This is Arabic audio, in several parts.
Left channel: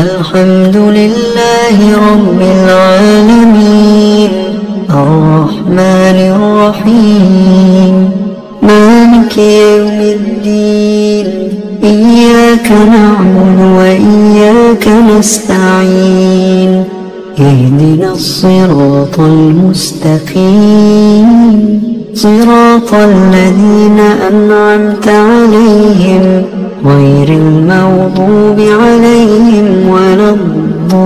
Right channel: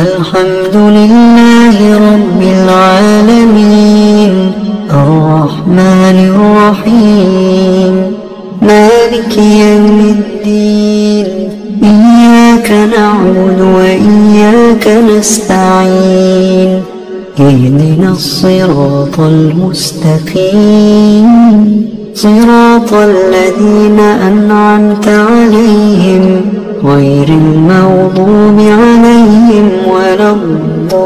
الحمد لله رب العالمين الرحمن الرحيم مالك يوم الدين إياك نعبد وإياك نستعين اهدنا الصراط المستقيم صراط الذين أنعمت عليهم غير المغضوب عليهم ولا الضالين.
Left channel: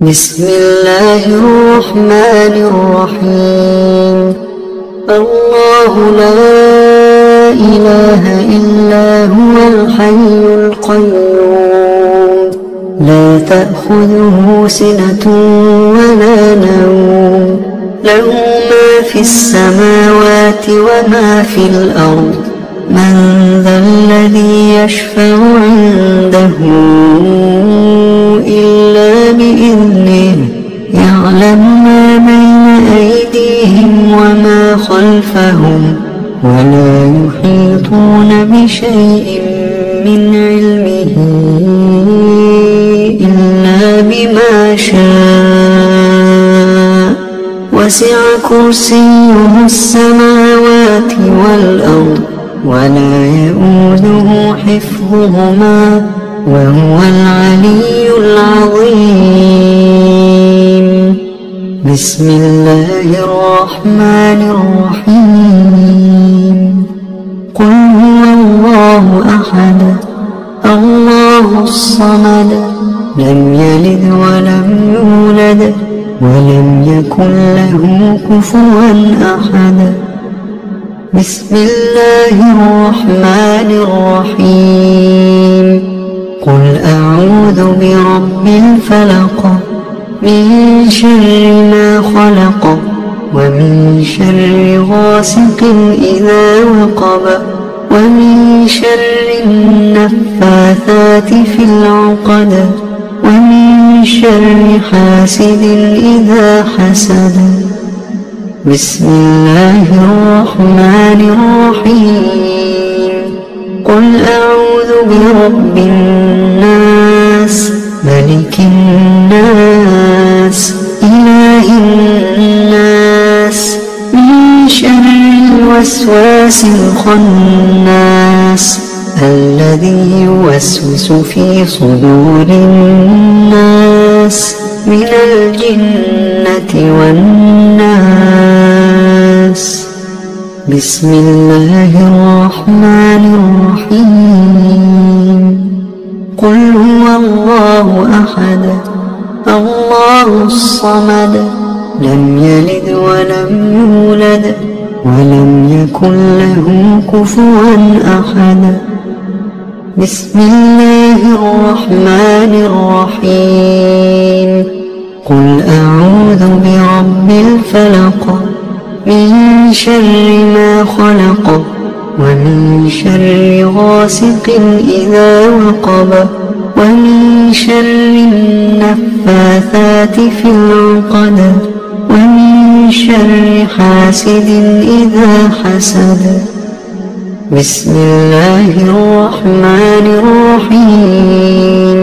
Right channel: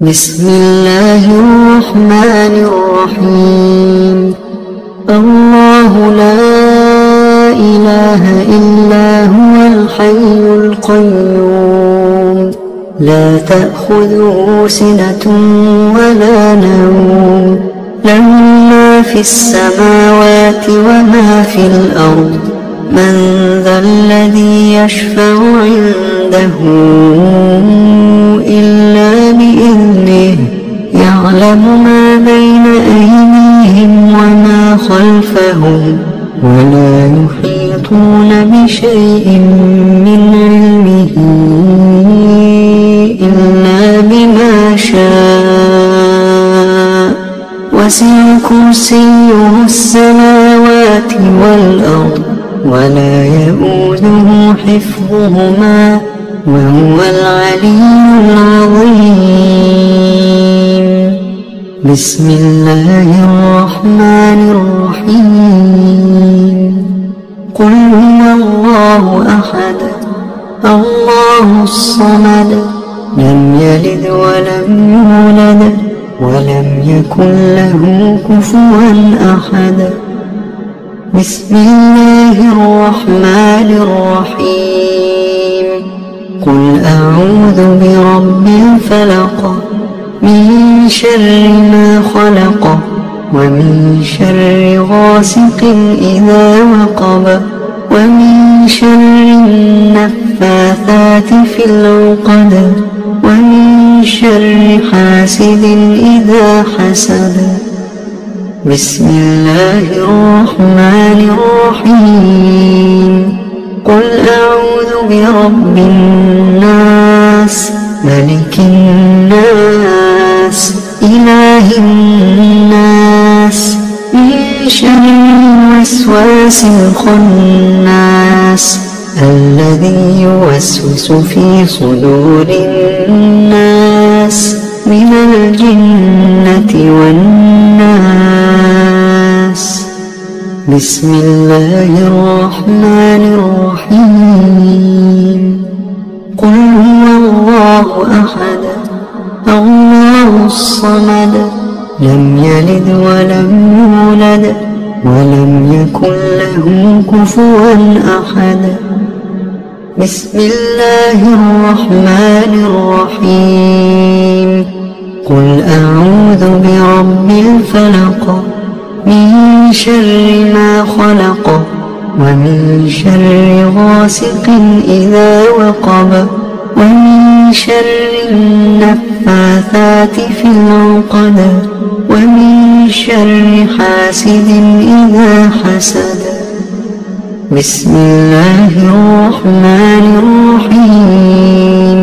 بسم الله الرحمن الرحيم. الله لا إله إلا هو الحي القيوم لا تأخذه سنة ولا نوم له ما في السماوات وما في الأرض من ذا الذي يشفع عنده إلا بإذنه يعلم ما بين أيديهم وما خلفهم ولا يحيطون بشيء من علمه إلا بما شاء وسع كرسيه السماوات والأرض ولا يؤوده حفظهما وهو العلي العظيم. بسم الله الرحمن الرحيم. قل هو الله أحد الله الصمد لم يلد ولم يولد ولم يكن له كفوا أحد. بسم الله الرحمن الرحيم. قل أعوذ برب الفلق من شر ما خلق ومن شر غاسق إذا وقب ومن شر النفاثات في العقد ومن شر حاسد إذا حسد. بسم الله الرحمن الرحيم. قل أعوذ برب الناس ملك الناس إله الناس من شر الوسواس الخناس الذي يوسوس في صدور الناس من الجنة والناس. بسم الله الرحمن الرحيم. قل هو الله أحد الله الصمد لم يلد ولم يولد ولم يكن له كفوا أحد. بسم الله الرحمن الرحيم. قل أعوذ برب الفلق من شر ما خلق ومن شر غاسق إذا وقب ومن شر النفاثات في العقد ومن شر حاسد إذا حسد. بسم الله الرحمن الرحيم.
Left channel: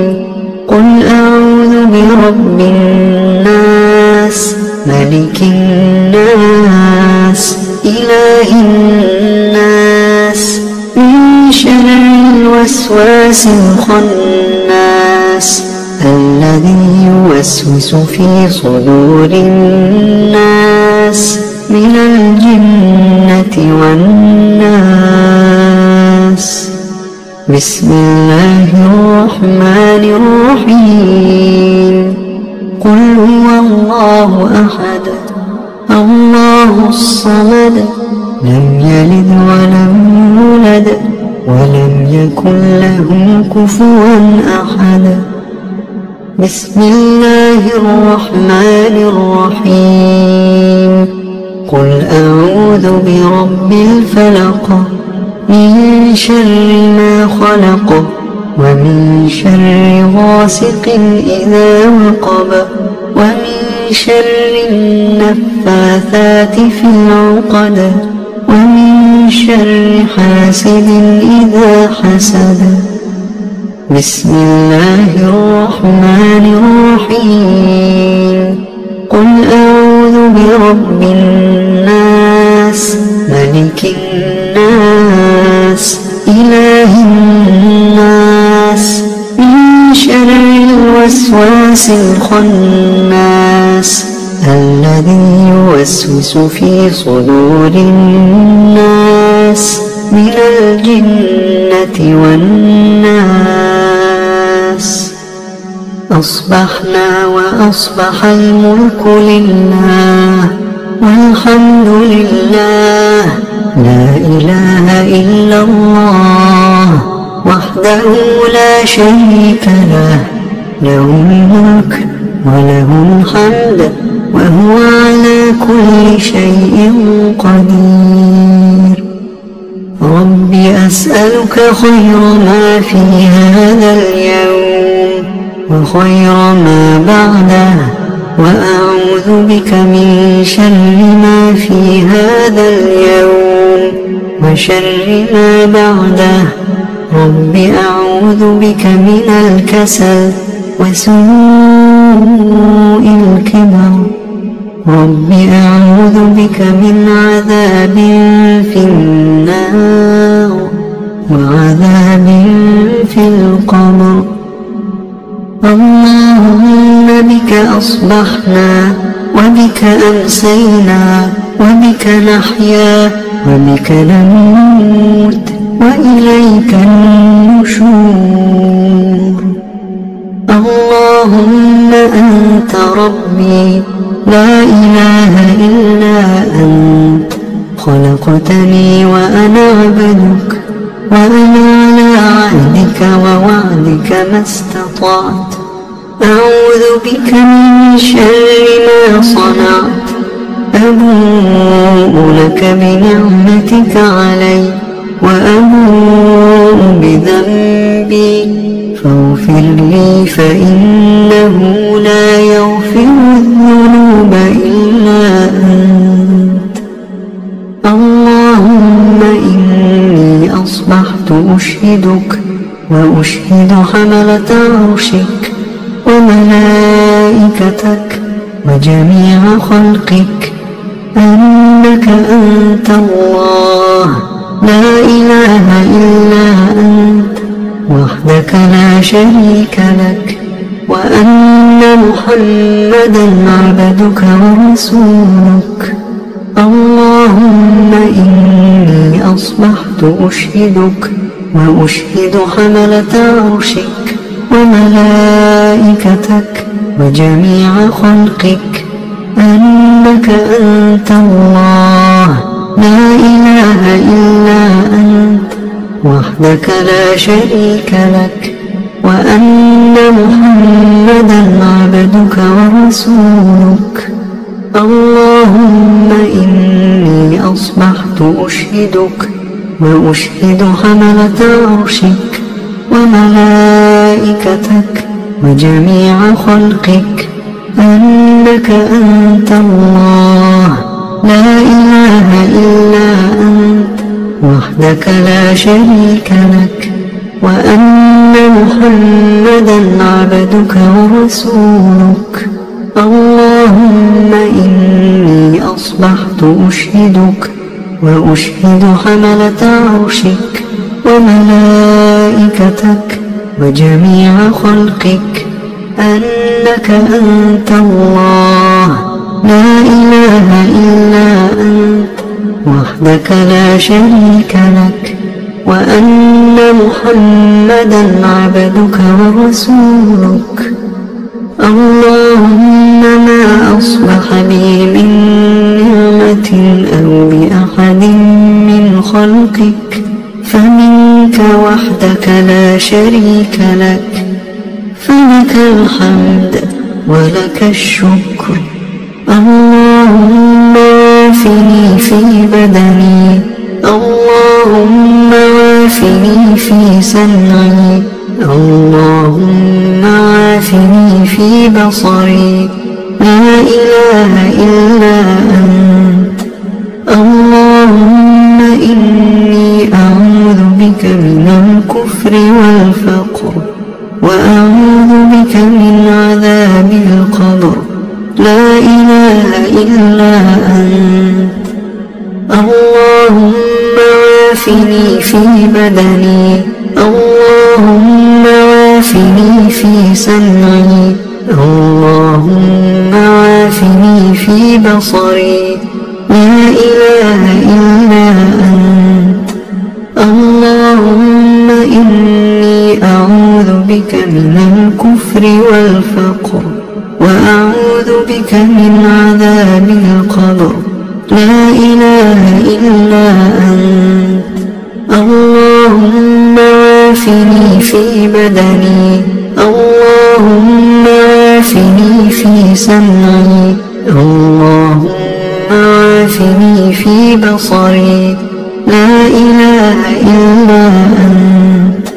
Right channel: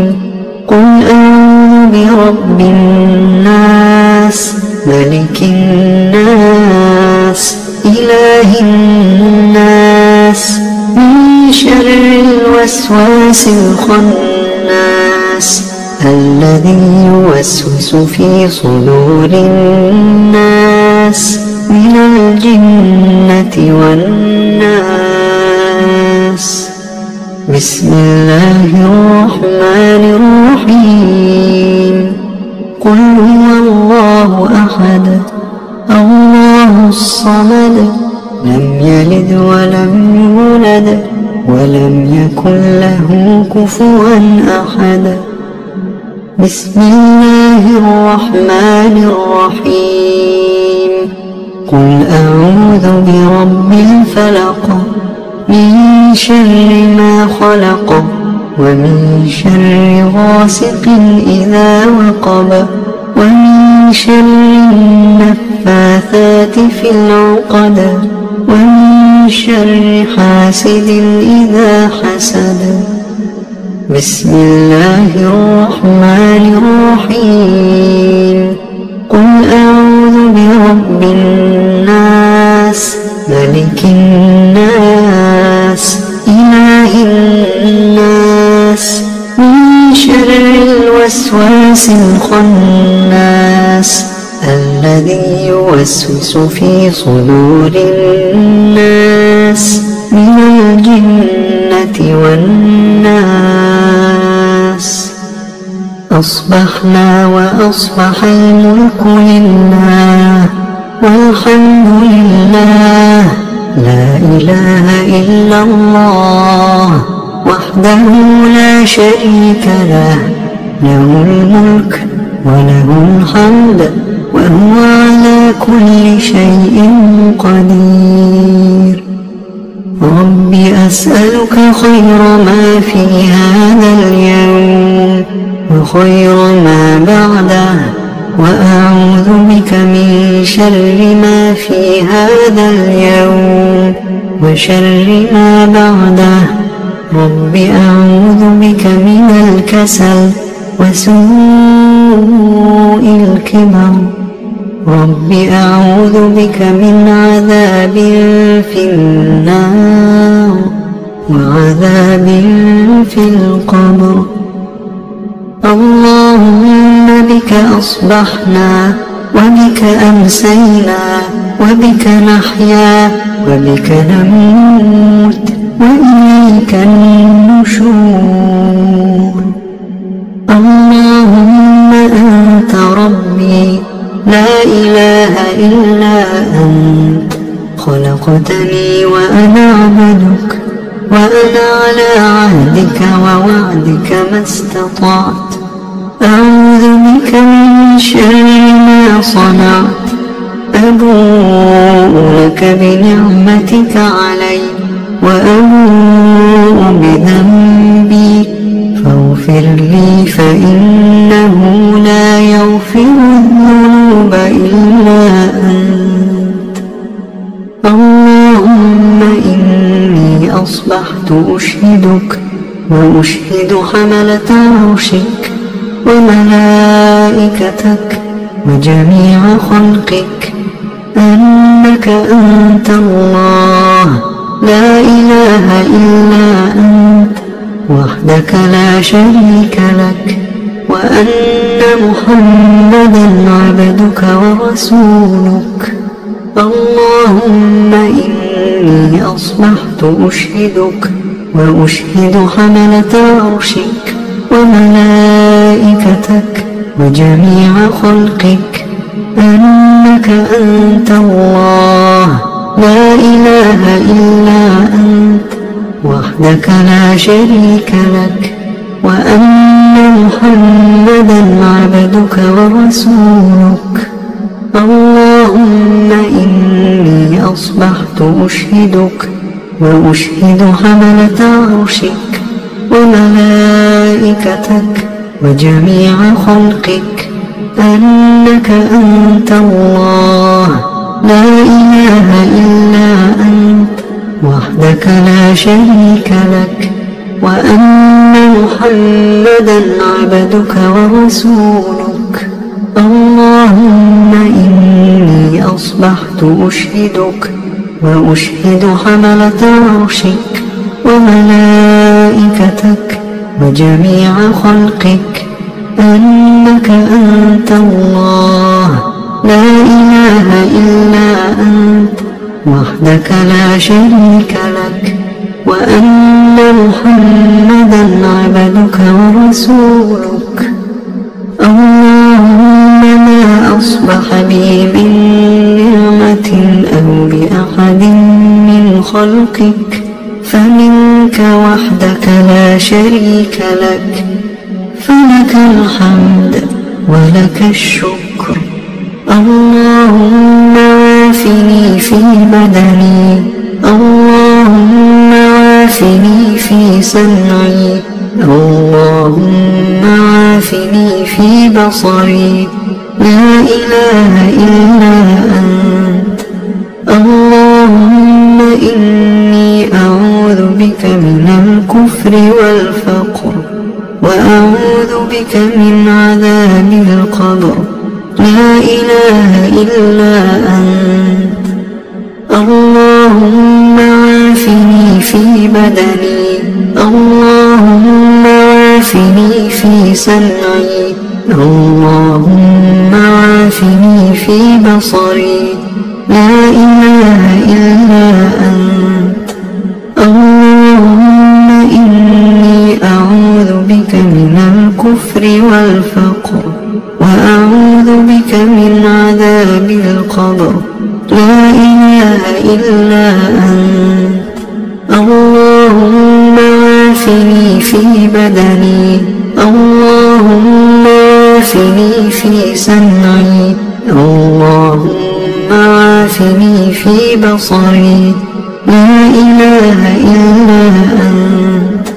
قل أعوذ برب الناس ملك الناس إله الناس من شر الوسواس الخناس الذي يوسوس في صدور الناس من الجنة والناس. بسم الله الرحمن الرحيم. قل هو الله أحد الله الصمد لم يلد ولم يولد ولم يكن له كفوا أحد. بسم الله الرحمن الرحيم. قل أعوذ برب الفلق من شر ما خلق ومن شر غاسق إذا وقب ومن شر النفاثات في العقد ومن شر حاسد إذا حسد. بسم الله الرحمن الرحيم. قل أعوذ برب الناس ملك الناس إله الناس من شر الوسواس الخناس الذي يوسوس في صدور الناس من الجنة والناس. أصبحنا وأصبح الملك لله والحمد لله لا إله إلا الله وحده لا شريك له له الملك وله الحمد وهو على كل شيء قدير. رب أسألك خير ما في هذا اليوم وخير ما بعده وأعوذ بك من شر ما في هذا اليوم وشر ما بعده. رب أعوذ بك من الكسل وسوء الكبر. رب أعوذ بك من عذاب في النار وعذاب في القبر. اللهم بك أصبحنا وبك أمسينا وبك نحيا وبك نموت وإليك النشور. اللهم أنت ربي لا إله إلا أنت خلقتني وأنا عبدك وأنا على عهدك ووعدك ما استطعت. أعوذ بك من شر ما صنعت. أبوء لك بنعمتك علي وأبوء بذنبي فاغفر لي فإنه لا يغفر الذنوب إلا أنت. اللهم إني أصبحت أشهدك وأشهد حملة عرشك وملائكتك وجميع خلقك أنك أنت الله لا إله إلا أنت وحدك لا شريك لك وأن محمدا عبدك ورسولك. اللهم إني أصبحت أشهدك وأشهد حملة عرشك وملائكتك وجميع خلقك أنك أنت الله لا إله إلا أنت وحدك لا شريك لك وأن محمدا عبدك ورسولك. اللهم إني أصبحت أشهدك وأشهد حملة عرشك وملائكتك وجميع خلقك أنك أنت الله لا إله إلا أنت وحدك لا شريك لك وأن محمدا عبدك ورسولك. اللهم إني أصبحت أشهدك وأشهد حملة عرشك وملائكتك وجميع خلقك أنك أنت الله لا إله إلا أنت وحدك لا شريك لك وأن محمدا عبدك ورسولك. اللهم ما أصبح بي من نعمة أو بأحد من خلقك فمنك وحدك لا شريك لك فلك الحمد ولك الشكر. اللهم عافني في بدني. اللهم عافني في سمعي. اللهم عافني في بصري. لا إله إلا أنت. اللهم بك من الكفر والفقر وأعوذ بك من عذاب القبر. لا إله إلا أنت. اللهم عافني في بدني، اللهم عافني في سمعي، اللهم عافني في بصري. لا إله إلا أنت. اللهم إني أعوذ بك من الكفر والفقر وأعوذ بك من عذاب القبر. لا إله إلا أنت. اللهم عافني في بدني، اللهم عافني في سمعي، اللهم عافني في بصري. لا إله إلا أنت.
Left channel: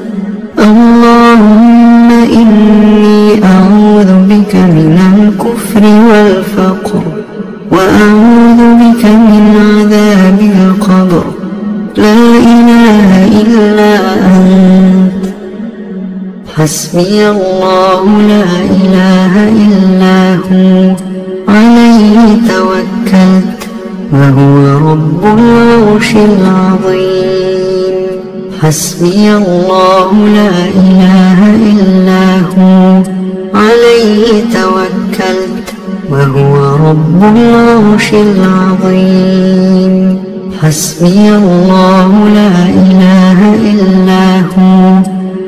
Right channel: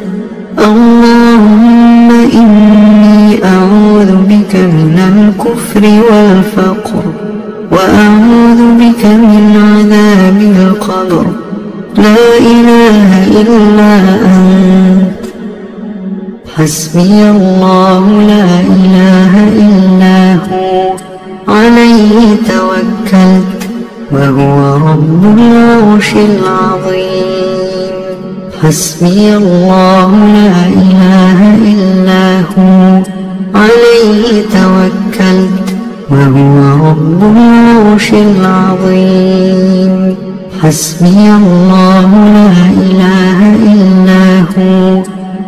اللهم إني أعوذ بك من الكفر والفقر وأعوذ بك من عذاب القبر. لا إله إلا أنت. حسبي الله لا إله إلا هو، عليه توكلت وهو رب العرش العظيم. حسبي الله لا إله إلا هو، عليه توكلت وهو رب العرش العظيم. حسبي الله لا إله إلا هو،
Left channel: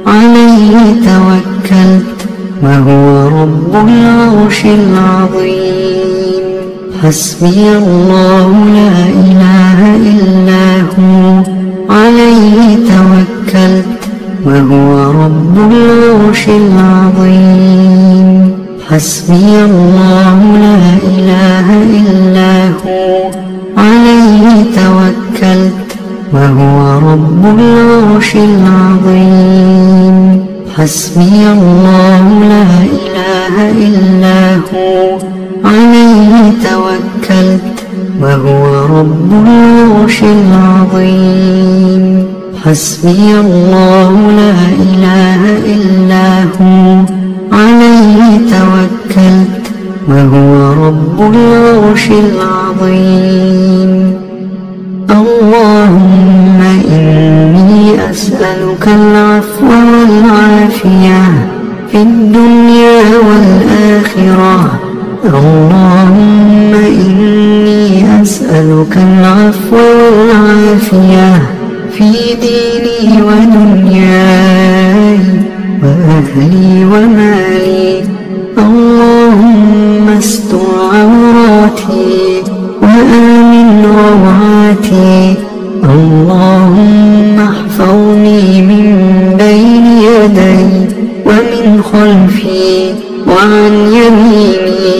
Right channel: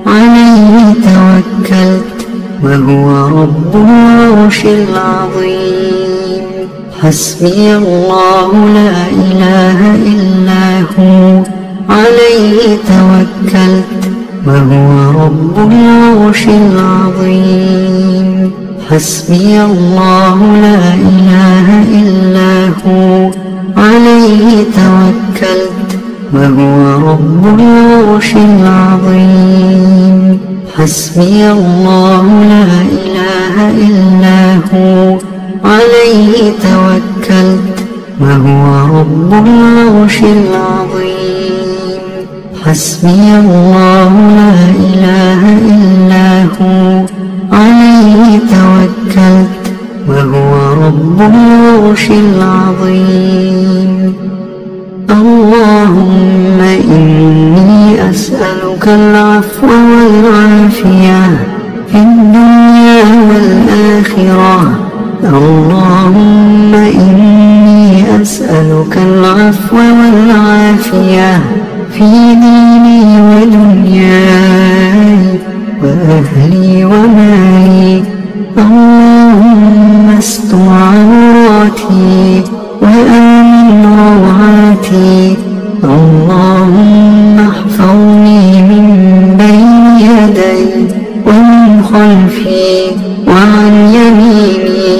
عليه توكلت وهو رب العرش العظيم. حسبي الله لا إله إلا هو، عليه توكلت وهو رب العرش العظيم. حسبي الله لا إله إلا هو، عليه توكلت وهو رب العرش العظيم. حسبي الله لا إله إلا هو، عليه توكلت وهو رب العرش العظيم. حسبي الله لا إله إلا هو، عليه توكلت وهو رب العرش العظيم. اللهم إني أسألك العفو والعافية في الدنيا والآخرة. اللهم إني أسألك العفو والعافية في ديني ودنياي وأهلي ومالي. اللهم استر عوراتي وآمن روعاتي. اللهم احفظني من بين يدي ومن خلفي وعن يميني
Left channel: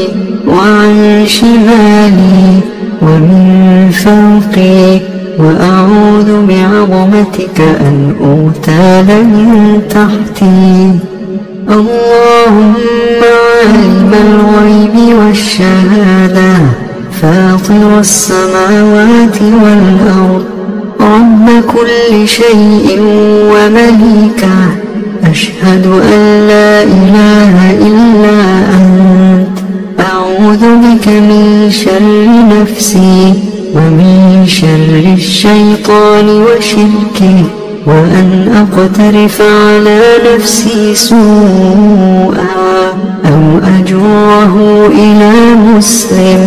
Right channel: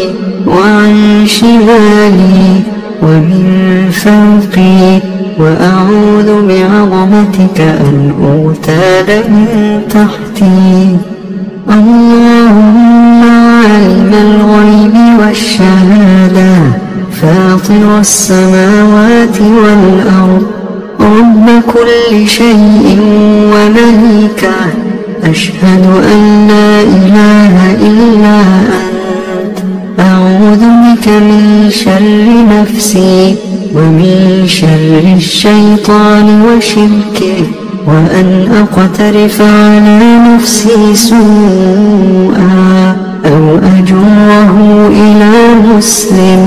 وعن شمالي ومن فوقي، وأعوذ بعظمتك أن أغتال من تحتي. اللهم عالم الغيب والشهادة، فاطر السماوات والأرض، رب كل شيء ومليكه، أشهد أن لا إله إلا أنت. أعوذ بك من شر نفسي ومن شر الشيطان وشركه، وأن أقترف على نفسي سوءا أو أجره إلى مسلم.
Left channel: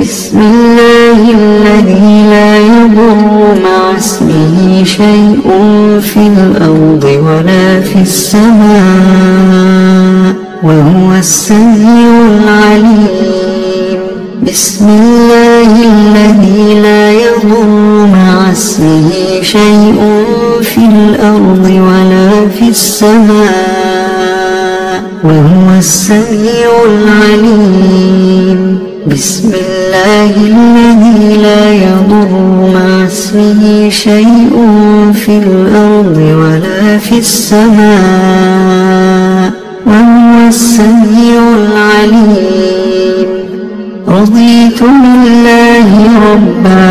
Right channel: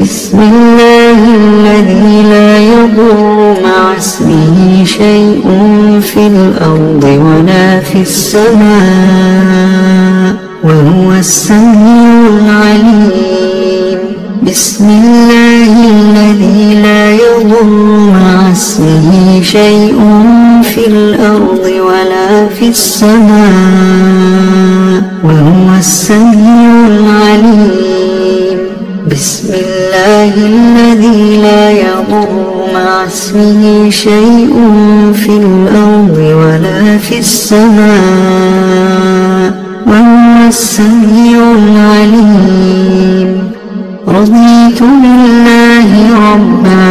بسم الله الذي لا يضر مع اسمه شيء في الأرض ولا في السماء، وهو السميع العليم. بسم الله الذي لا يضر مع اسمه شيء في الأرض ولا في السماء، وهو السميع العليم. بسم الله الذي لا يضر مع اسمه شيء في الأرض ولا في السماء، وهو السميع العليم. رضيت بالله ربا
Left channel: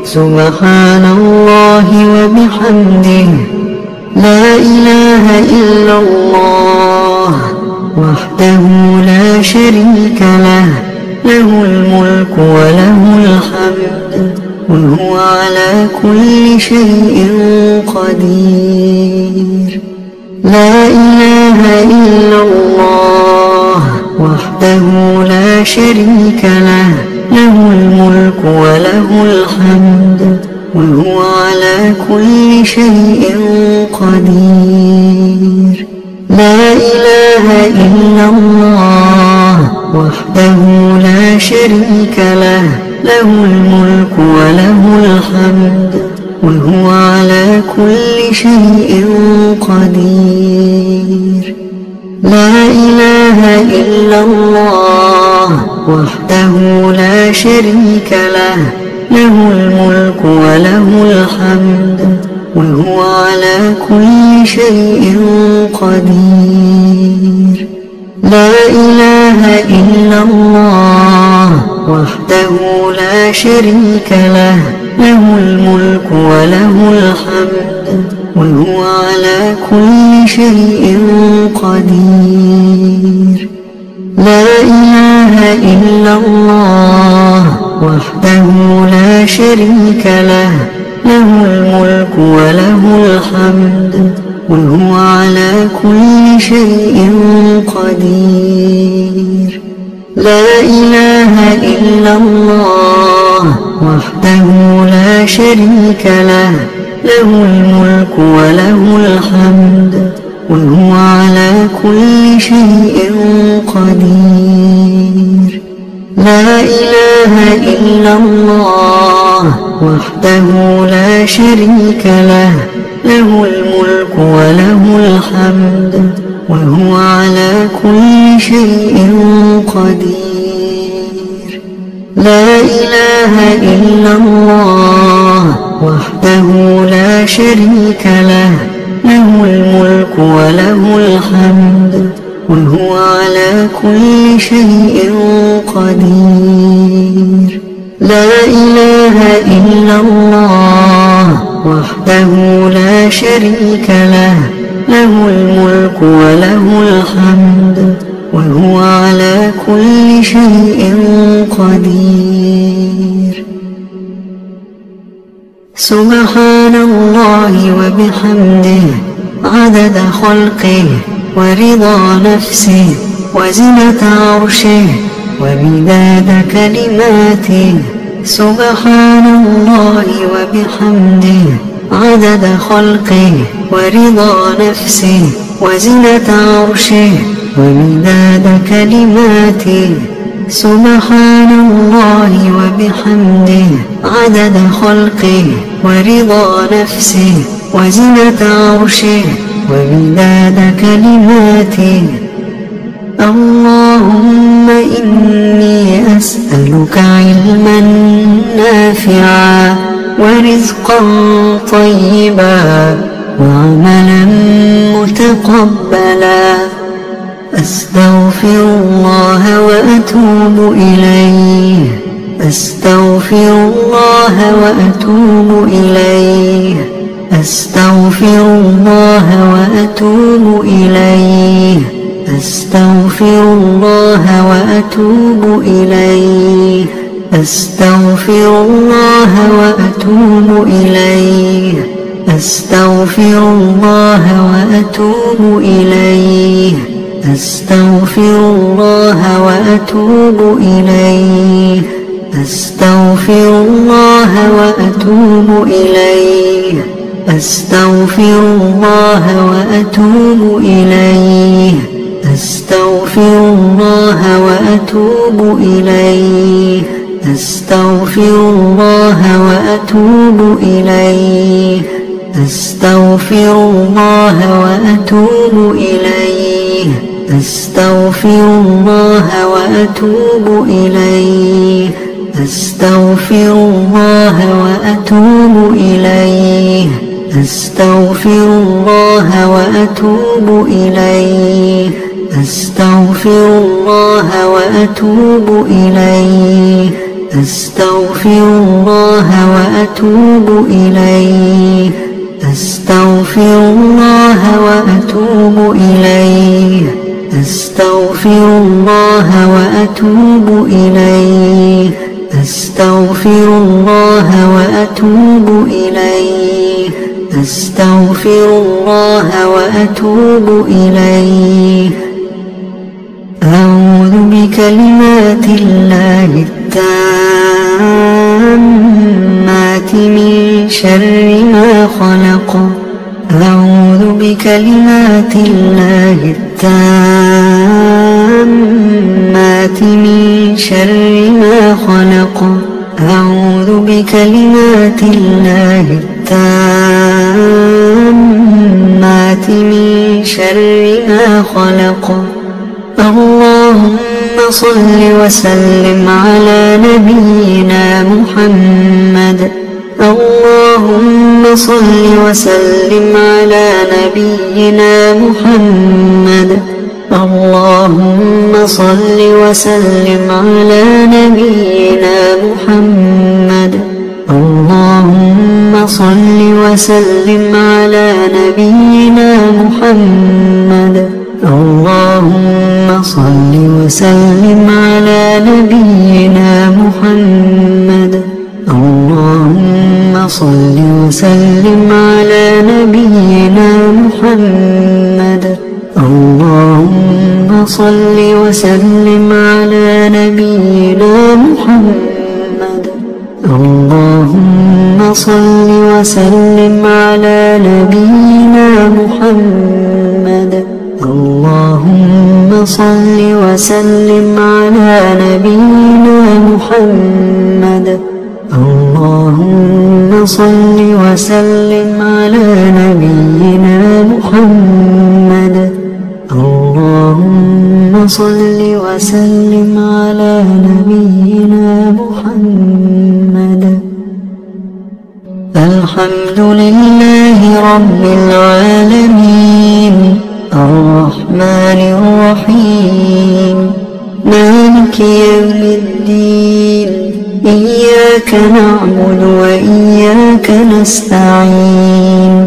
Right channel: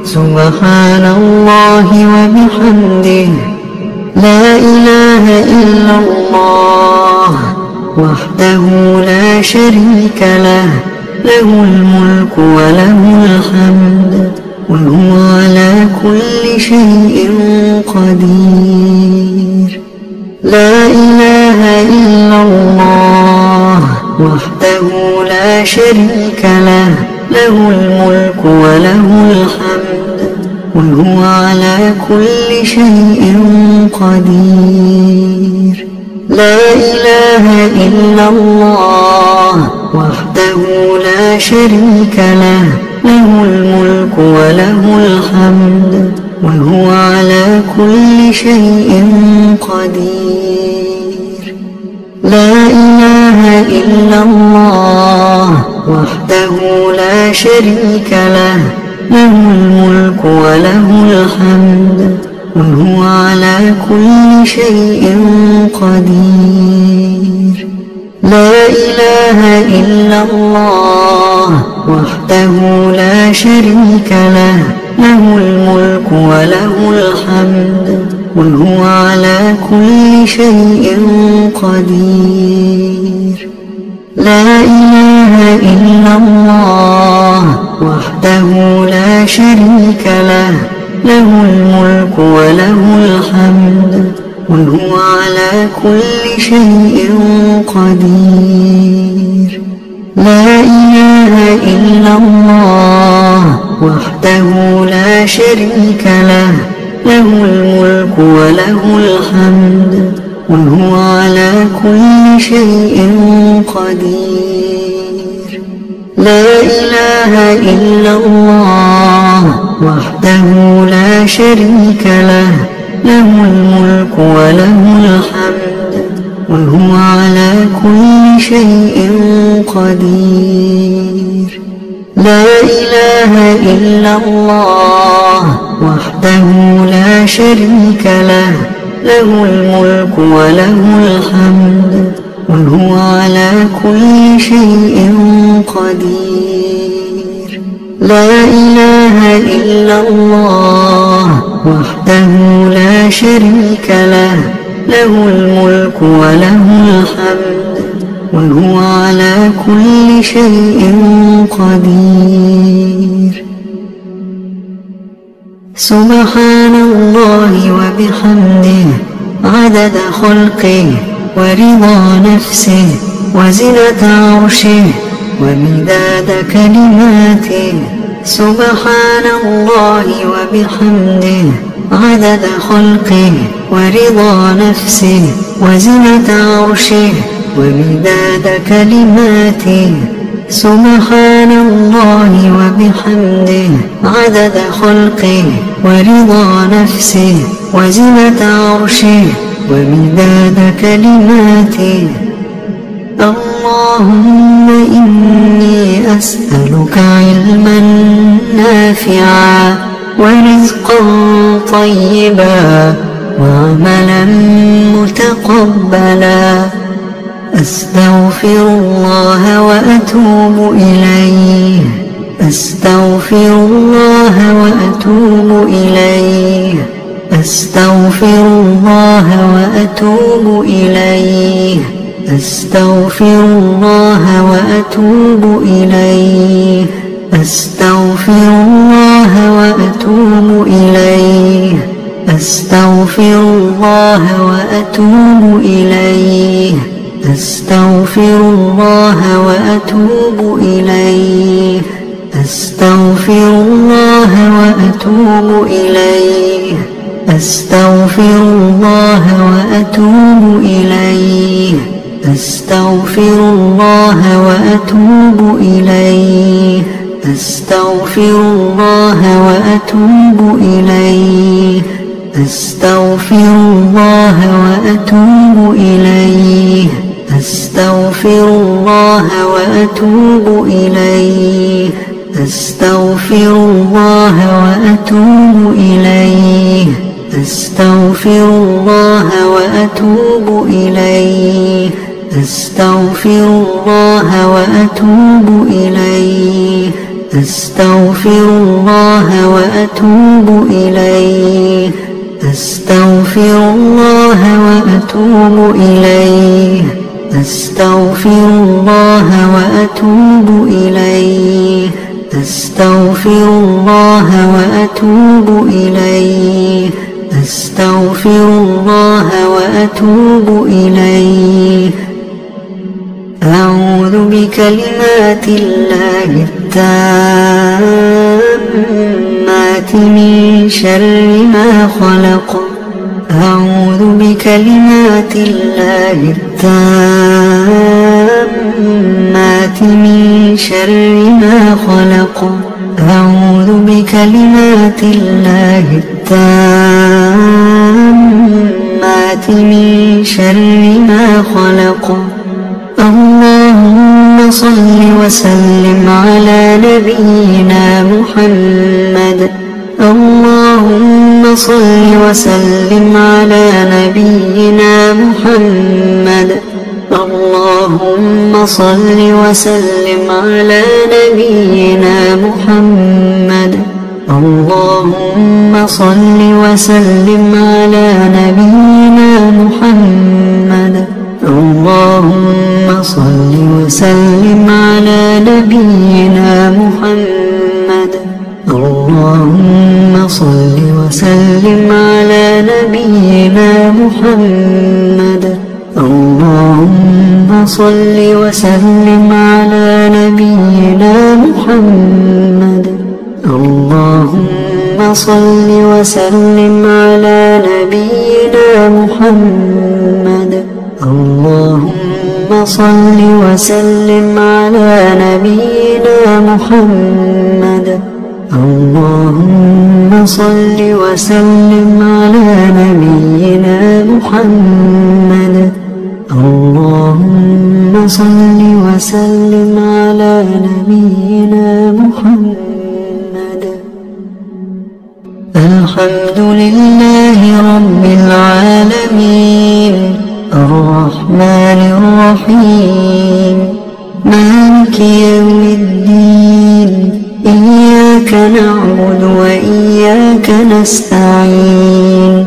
سبحان الله وبحمده لا إله إلا الله وحده لا شريك له له الملك وله الحمد وهو على كل شيء قدير لا إله إلا الله وحده لا شريك له له الملك وله الحمد وهو على كل شيء قدير لا إله إلا الله وحده لا شريك له له الملك وله الحمد وهو على كل شيء قدير لا إله إلا الله وحده لا شريك له له الملك وله الحمد وهو على كل شيء قدير لا إله إلا الله وحده لا شريك له له الملك وله الحمد وهو على كل شيء قدير لا إله إلا الله وحده لا شريك له له الملك وله الحمد وهو على كل شيء قدير لا إله إلا الله وحده لا شريك له له الملك وله الحمد وهو على كل شيء قدير لا إله إلا الله وحده لا شريك له له الملك وله الحمد وهو على كل شيء قدير لا إله إلا الله وحده لا شريك له له الملك وله الحمد وهو على كل شيء قدير لا إله إلا الله وحده لا شريك له له الملك وله الحمد وهو على كل شيء قدير سبحان الله وبحمده عدد خلقه ورضا نفسه وزنة عرشه ومداد كلماته سبحان الله وبحمده عدد خلقه ورضا نفسه وزنة عرشه ومداد كلماته سبحان الله وبحمده عدد خلقه ورضا نفسه وزنة عرشه ومداد كلماته اللهم إني أسألك علما نافعا ورزقا طيبا وعملا متقبلا أستغفر الله وأتوب إليه أستغفر الله وأتوب إليه أستغفر الله وأتوب إليه أستغفر الله وأتوب إليه أستغفر الله وأتوب إليه أستغفر الله وأتوب إليه أستغفر الله وأتوب إليه أستغفر الله وأتوب إليه أستغفر الله وأتوب إليه أستغفر الله وأتوب إليه أستغفر الله وأتوب إليه أستغفر الله وأتوب إليه أستغفر الله وأتوب إليه أستغفر الله وأتوب إليه أستغفر الله وأتوب إليه أستغفر الله وأتوب إليه أستغفر الله وأتوب إليه أستغفر الله وأتوب إليه أستغفر الله وأتوب إليه أستغفر الله وأتوب إليه أستغفر الله وأتوب إليه أعوذ بكلمات الله التامات من شر ما خلق أعوذ بكلمات الله التامات من شر ما خلق أعوذ بكلمات الله التامات من شر ما خلق اللهم صل وسلم على نبينا محمد اللهم صل وسلم على نبينا محمد اللهم صل وسلم على نبينا محمد اللهم صل وسلم على نبينا محمد اللهم صل وسلم على نبينا محمد اللهم صل وسلم على نبينا محمد اللهم صل وسلم على نبينا محمد اللهم صل وسلم على نبينا محمد اللهم صل وسلم على نبينا محمد اللهم صل وسلم على نبينا محمد اللهم صل وسلم على نبينا محمد الحمد لله رب العالمين الرحمن الرحيم مالك يوم الدين إياك نعبد وإياك نستعين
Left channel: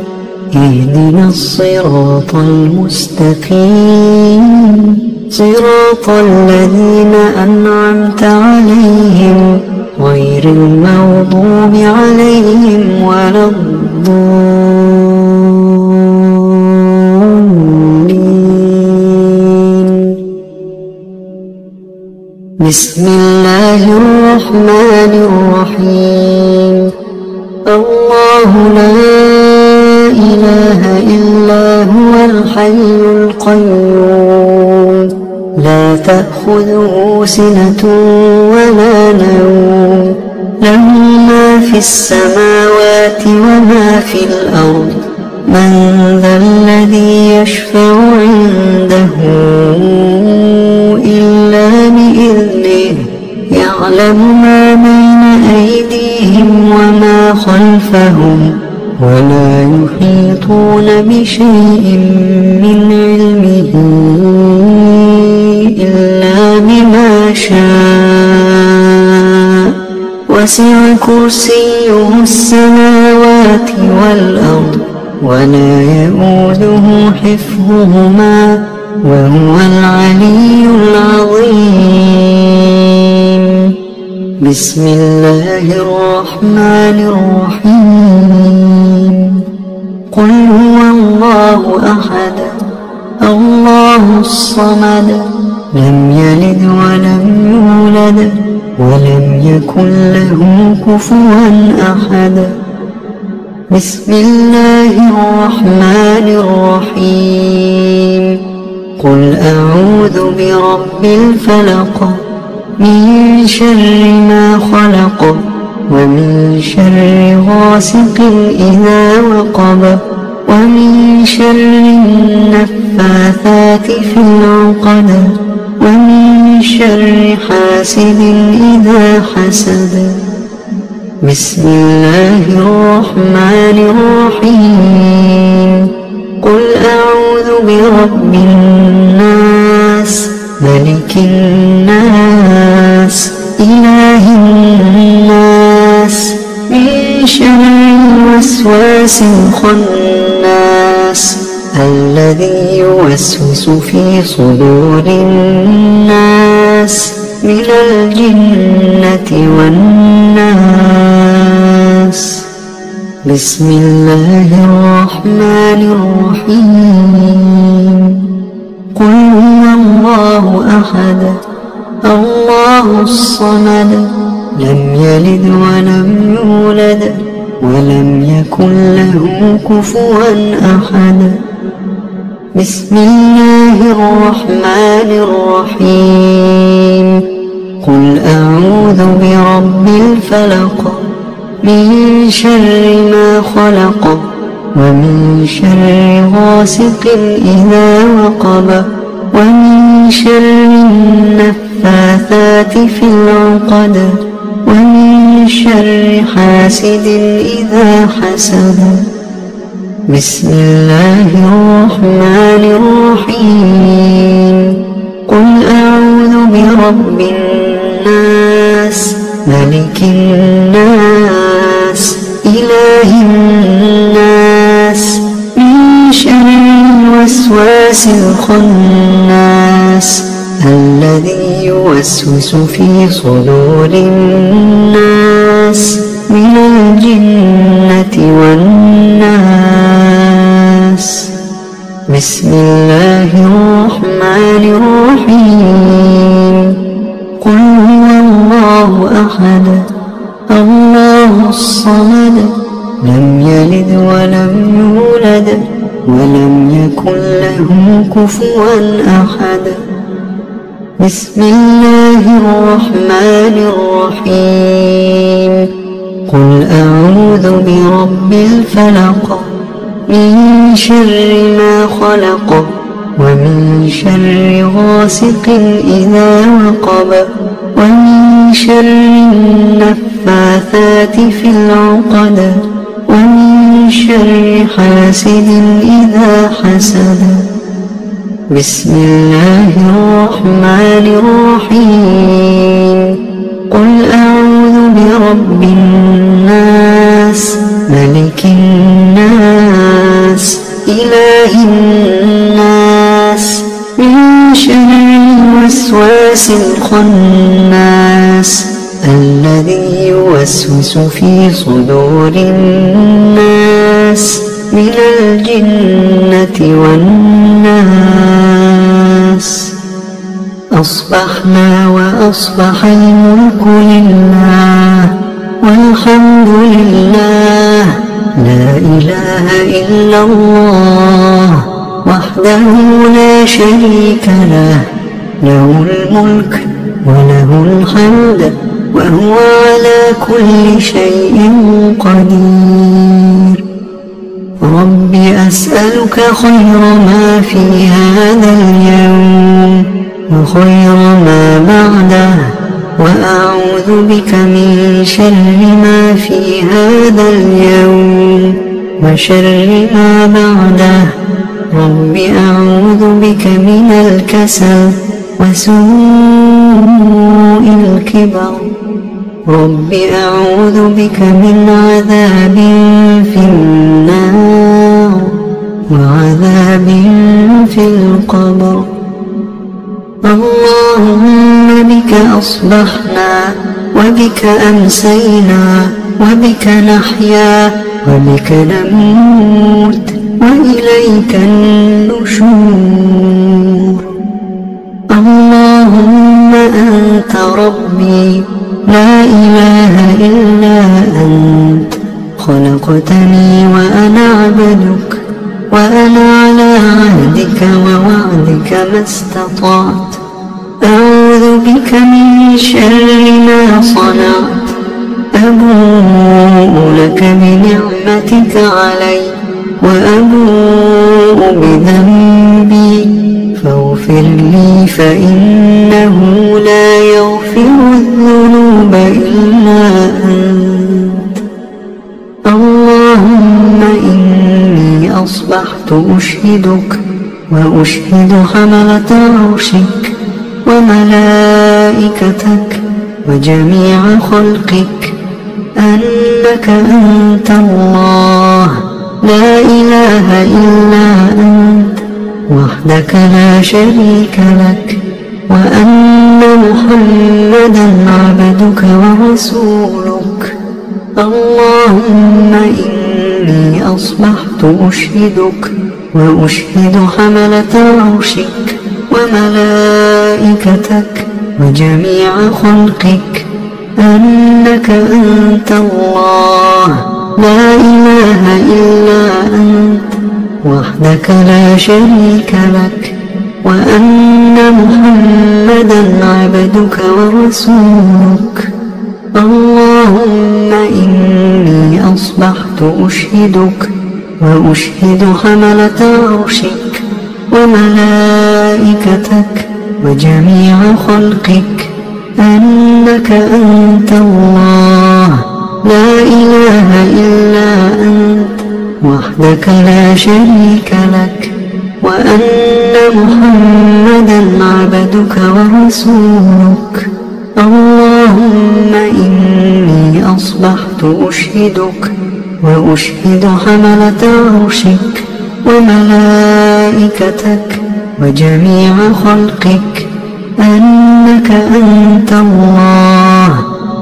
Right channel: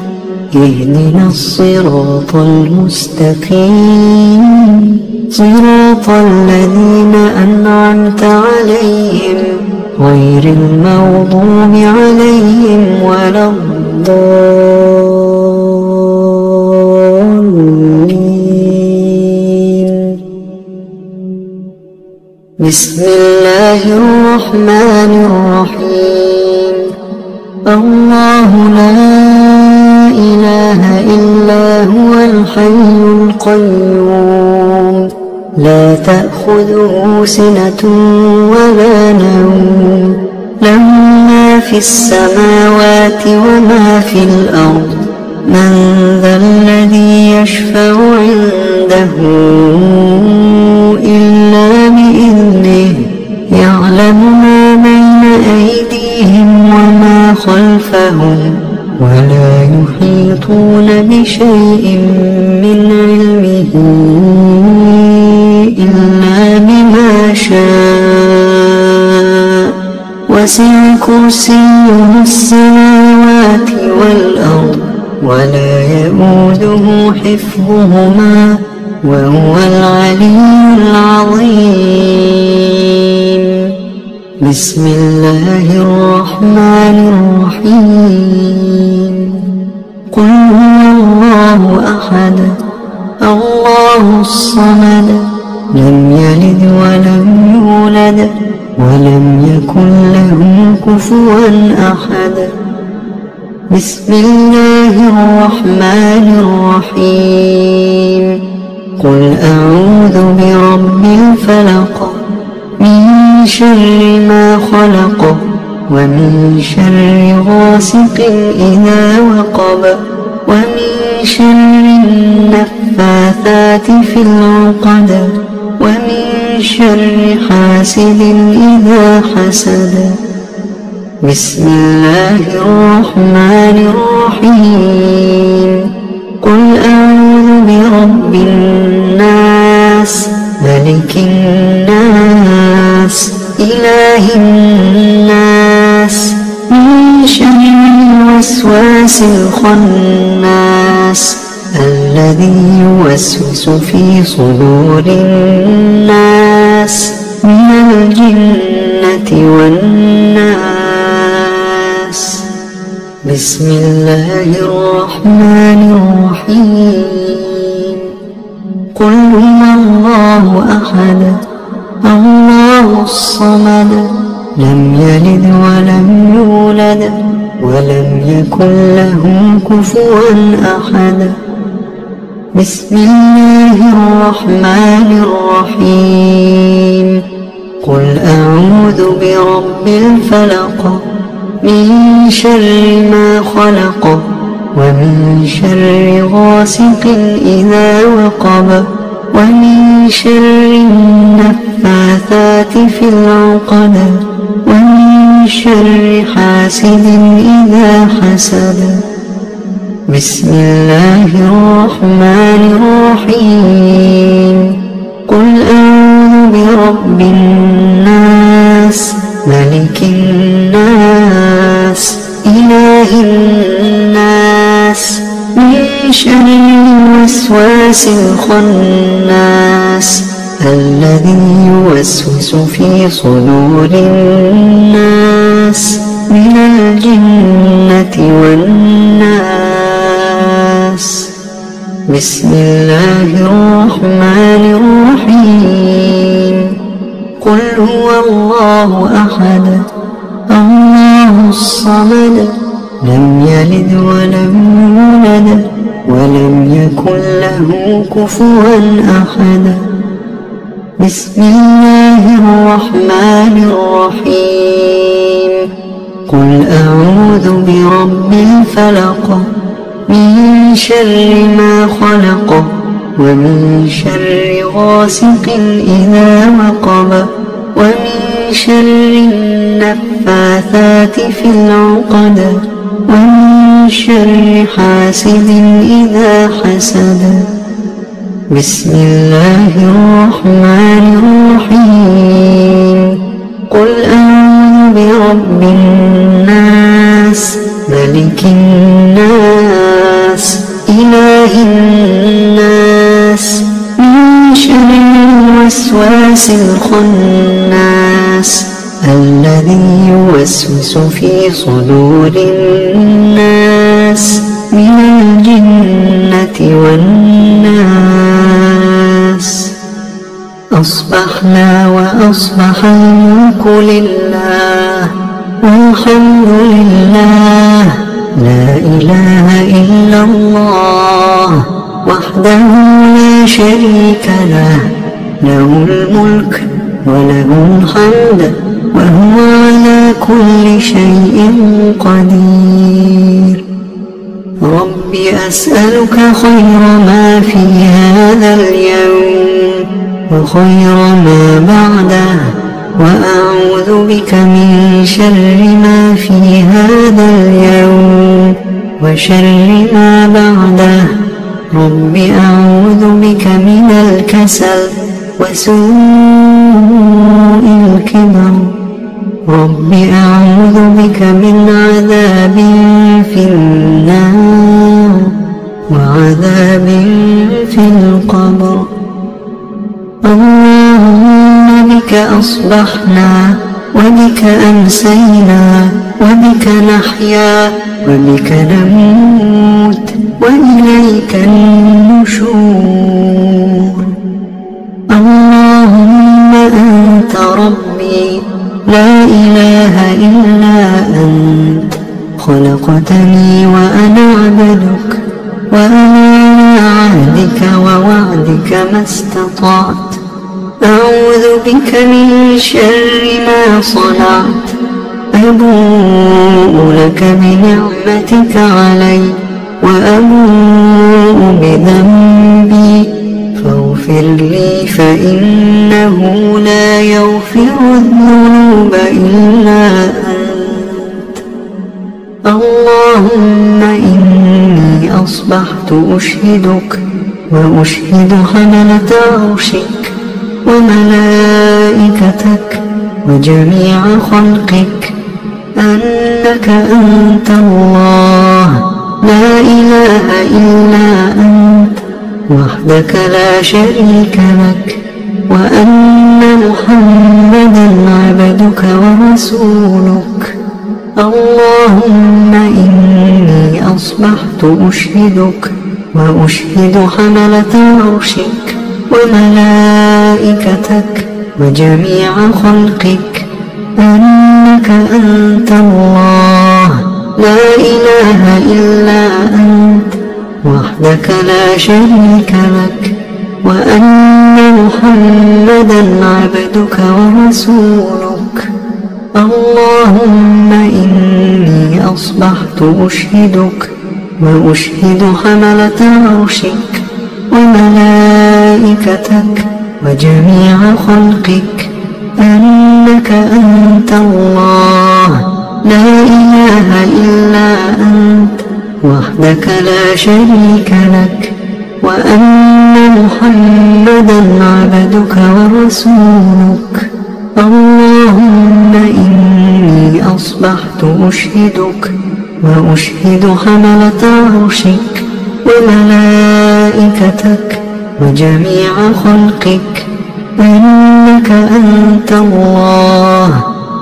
اهدنا الصراط المستقيم صراط الذين أنعمت عليهم غير المغضوب عليهم ولا الضالين بسم الله الرحمن الرحيم الله لا إله إلا هو الحي القيوم لا تأخذه سنة ولا نوم له ما في السماوات وما في الأرض من ذا الذي يشفع عنده إلا بإذنه يعلم ما بين أيديهم وما خلفهم ولا يحيطون بشيء من علمه إلا بما شاء وسع كرسيه السماوات والأرض ولا يئوده حفظهما وهو العلي العظيم بسم الله الرحمن الرحيم قل هو الله أحد الله الصمد لم يلد ولم يولد ولم يكن له كفوا أحد بسم الله الرحمن الرحيم قل أعوذ برب الفلق من شر ما خلق ومن شر غاسق إذا وقب ومن شر النفاثات في العقد ومن شر حاسد إذا حسد بسم الله الرحمن الرحيم قل أعوذ برب الناس ملك الناس إله الوسواس الخناس الذي يوسوس في صدور الناس من الجنة والناس. بسم الله الرحمن الرحيم. قل هو الله أحد الله الصمد لم يلد ولم يولد ولم يكن له كفوا أحد. بسم الله الرحمن الرحيم. قل أعوذ برب الفلق من شر ما خلق ومن شر غاسق إذا وقب ومن شر النفاثات في العقد ومن شر حاسد إذا حسد. بسم الله الرحمن الرحيم. قل أعوذ برب الناس ملك الناس إله الناس من شر الوسواس الخناس الذي يوسوس في صدور الناس من الجنة والناس. بسم الله الرحمن الرحيم. قل هو الله أحد الله الصمد لم يلد ولم يولد ولم يكن له كفوا أحد. بسم الله الرحمن الرحيم. قل أعوذ برب الفلق من شر ما خلق ومن شر غاسق إذا وقب ومن شر النفاثات في العقد ومن شر حاسد إذا حسد. بسم الله الرحمن الرحيم. قل أعوذ برب الناس ملك الناس إله الناس من شر الوسواس الخناس الذي يوسوس في صدور الناس من الجنة والناس. أصبحنا وأصبح الملك لله والحمد لله لا إله إلا الله وحده لا شريك له له الملك وله الحمد وهو على كل شيء قدير. رب أسألك خير ما في هذا اليوم وخير ما بعده وأعوذ بك من شر ما في هذا اليوم وشر ما بعده. رب أعوذ بك من الكسل وسوء الكبر. رب أعوذ بك من عذاب في النار وعذاب في القبر. اللهم بك أصبحنا وبك أمسينا وبك نحيا وبك نموت وإليك النشور. اللهم أنت ربي لا إله إلا أنت خلقتني وأنا عبدك وأنا على عهدك ووعدك ما استطعت. أعوذ بك من شر ما صنعت. أبوء لك بنعمتك علي وأبوء بذنبي فاغفر لي فإنه لا يغفر الذنوب إلا أنت. اللهم إني أصبحت أشهدك وأشهد حملة عرشك وملائكتك وجميع خلقك أنك أنت الله لا إله إلا أنت وحدك لا شريك لك، وأن محمدا عبدك ورسولك. اللهم إني أصبحت أشهدك وأشهد حملة عرشك وملائكتك وجميع خلقك أنك أنت الله لا إله إلا أنت وحدك لا شريك لك، وأن محمدا عبدك ورسولك. اللهم إني أصبحت أشهدك وأشهد حملة عرشك وملائكتك وجميع خلقك أنك أنت الله لا إله إلا أنت وحدك لا شريك لك، وأن محمدا عبدك ورسولك. اللهم إني أصبحت أشهدك وأشهد حملة عرشك وملائكتك وجميع خلقك أنك أنت الله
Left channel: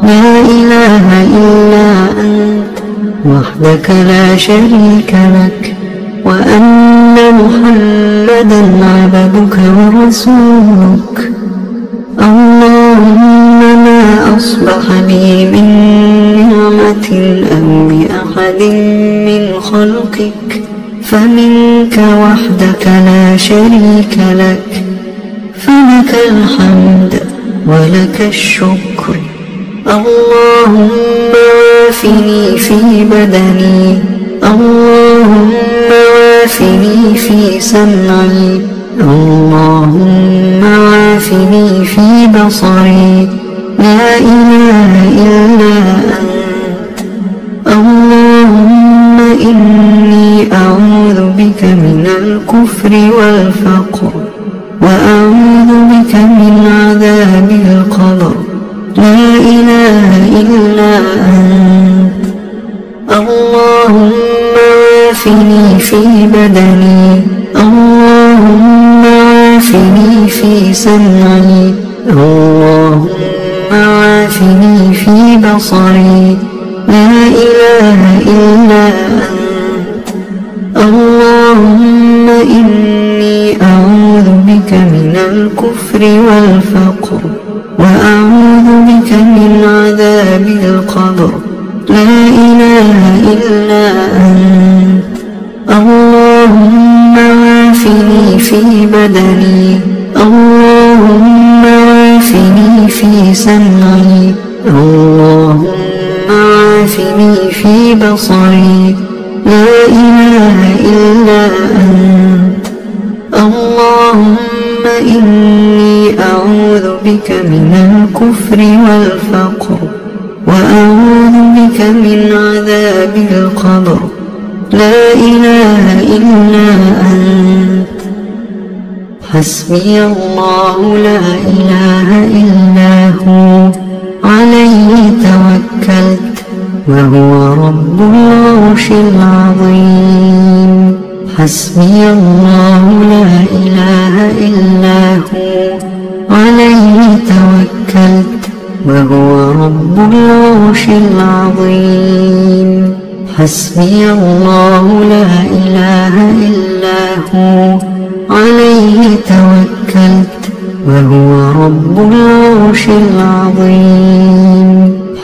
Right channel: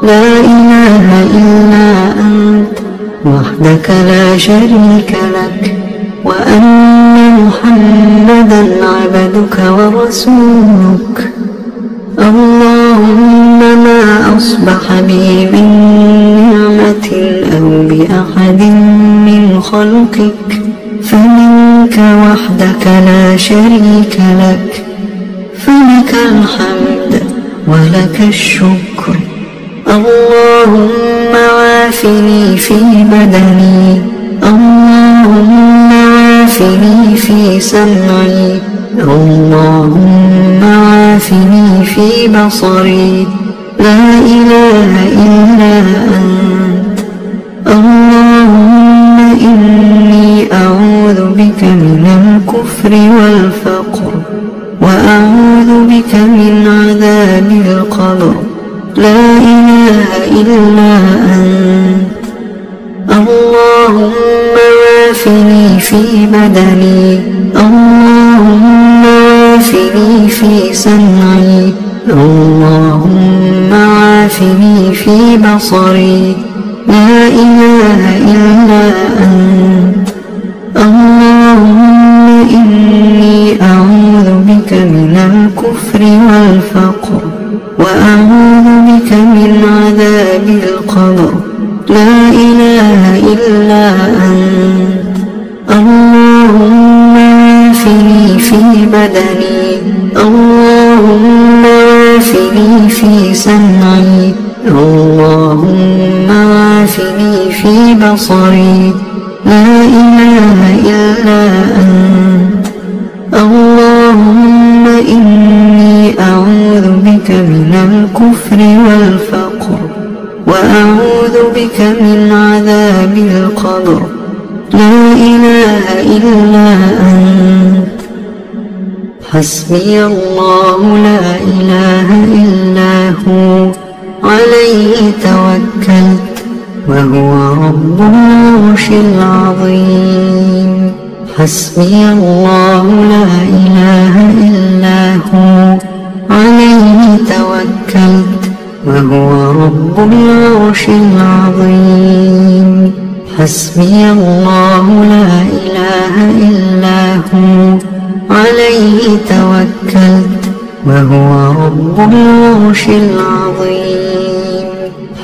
لا إله إلا أنت وحدك لا شريك لك، وأن محمدا عبدك ورسولك. اللهم ما أصبح بي من نعمة أو بأحد من خلقك فمنك وحدك لا شريك لك، فلك الحمد ولك الشكر. اللهم عافني في بدني، اللهم عافني في سمعي، اللهم عافني في بصري، لا إله إلا أنت. اللهم إني أعوذ بك من الكفر والفقر، وأعوذ بك من عذاب القبر، لا إله إلا أنت. اللهم عافني في بدني، اللهم عافني في سمعي، اللهم عافني في بصري، لا إله إلا أنت. اللهم إني أعوذ بك من الكفر والفقر، وأعوذ بك من عذاب القبر، لا إله إلا أنت. اللهم عافني في بدني، اللهم عافني في سمعي، اللهم عافني في بصري، لا إله إلا أنت. اللهم إني أعوذ بك من الكفر والفقر، وأعوذ بك من عذاب القبر، لا إله إلا أنت. حسبي الله لا إله إلا هو عليه توكلت وهو رب العرش العظيم. حسبي الله لا إله إلا هو عليه توكلت وهو رب العرش العظيم. حسبي الله لا إله إلا هو عليه توكلت وهو رب العرش العظيم.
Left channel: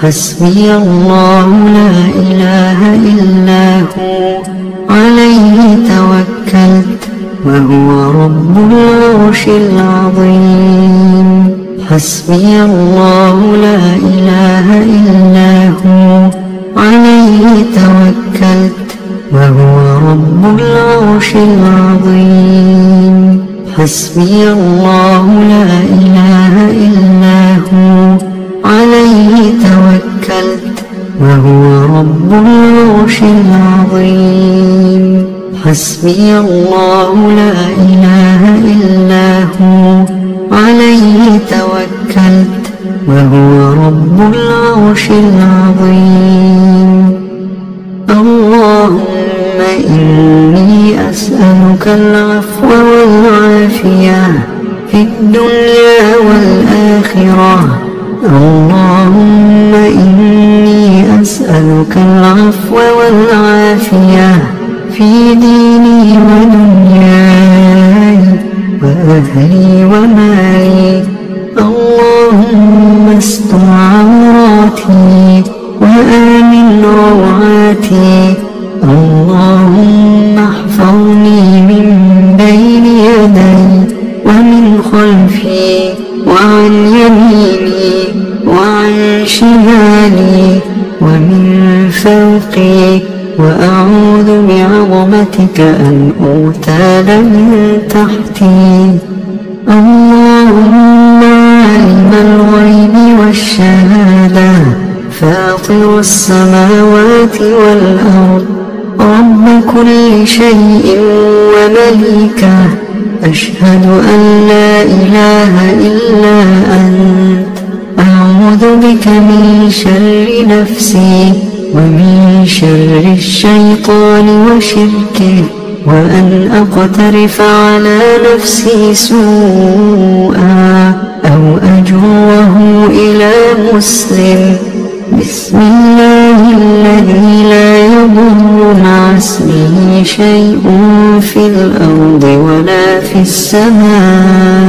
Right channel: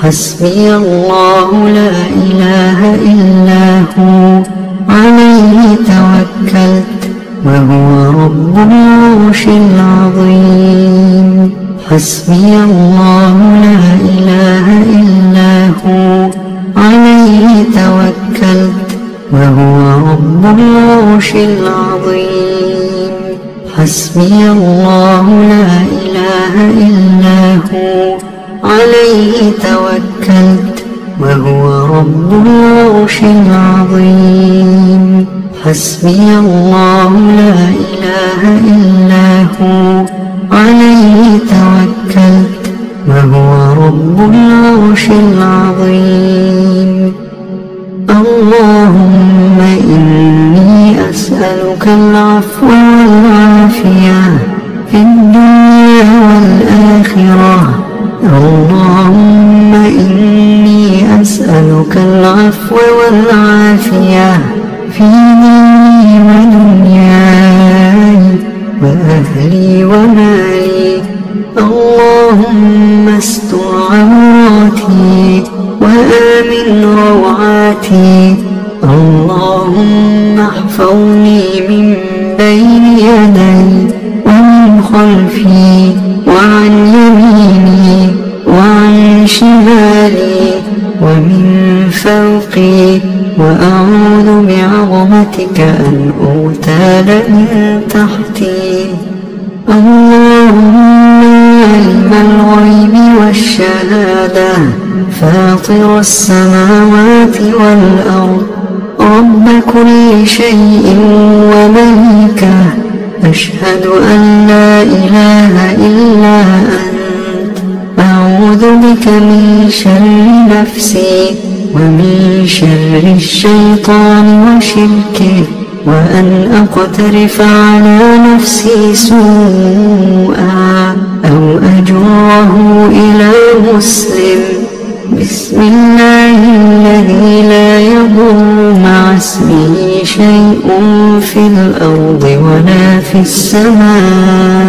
حسبي الله لا إله إلا هو عليه توكلت وهو رب العرش العظيم. حسبي الله لا إله إلا هو عليه توكلت وهو رب العرش العظيم. حسبي الله لا إله إلا هو عليه توكلت وهو رب العرش العظيم. حسبي الله لا إله إلا هو عليه توكلت وهو رب العرش العظيم. اللهم إني أسألك العفو والعافية في الدنيا والآخرة. اللهم إني أسألك العفو والعافية في ديني ودنياي وأهلي ومالي. اللهم استر عوراتي وآمن روعاتي. اللهم احفظني من بين يدي ومن خلفي وعن يميني وعن شمالي ومن فوقي، وأعوذ بعظمتك أن أغتال من تحتي. اللهم عالم الغيب والشهادة فاطر السماوات والأرض رب كل شيء ومليكه، أشهد أن لا إله إلا أنت. أعوذ بك من شر نفسي ومن شر الشيطان وشركه، وأن أقترف على نفسي سوءا أو أجره إلى مسلم. بسم الله الذي لا يضر مع اسمه شيء في الأرض ولا في السماء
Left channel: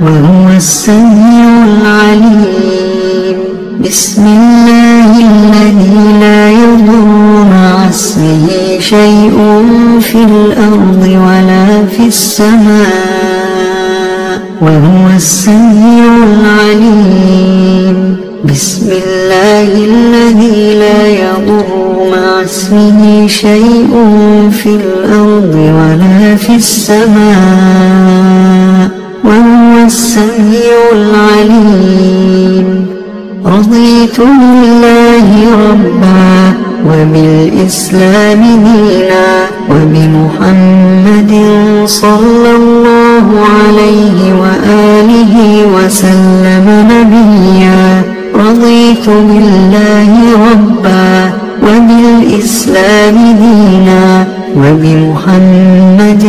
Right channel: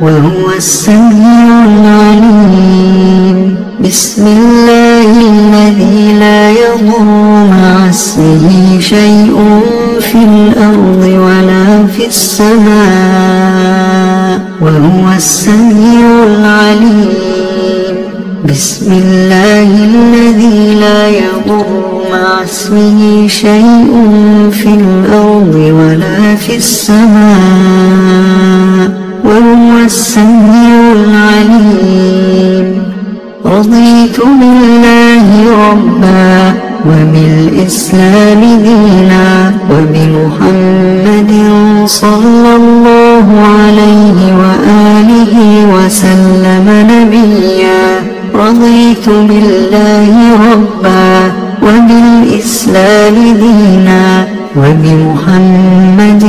وهو السميع العليم. بسم الله الذي لا يضر مع اسمه شيء في الأرض ولا في السماء وهو السميع العليم. بسم الله الذي لا يضر مع اسمه شيء في الأرض ولا في السماء وهو السميع العليم. رضيت بالله ربا وبالإسلام دينا وبمحمد صلى الله عليه وآله وسلم نبيا. رضيت بالله ربا وبالإسلام دينا وبمحمد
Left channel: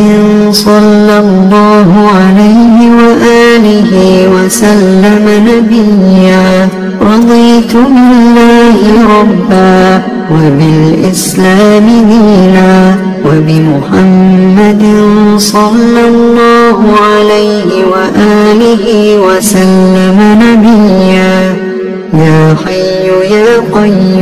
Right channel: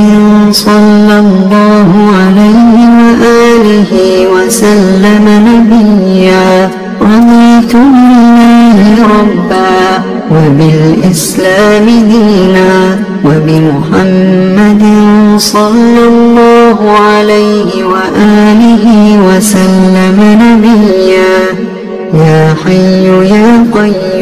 صلى الله عليه وآله وسلم نبيا. رضيت بالله ربا وبالإسلام دينا وبمحمد صلى الله عليه وآله وسلم نبيا. يا حي يا قيوم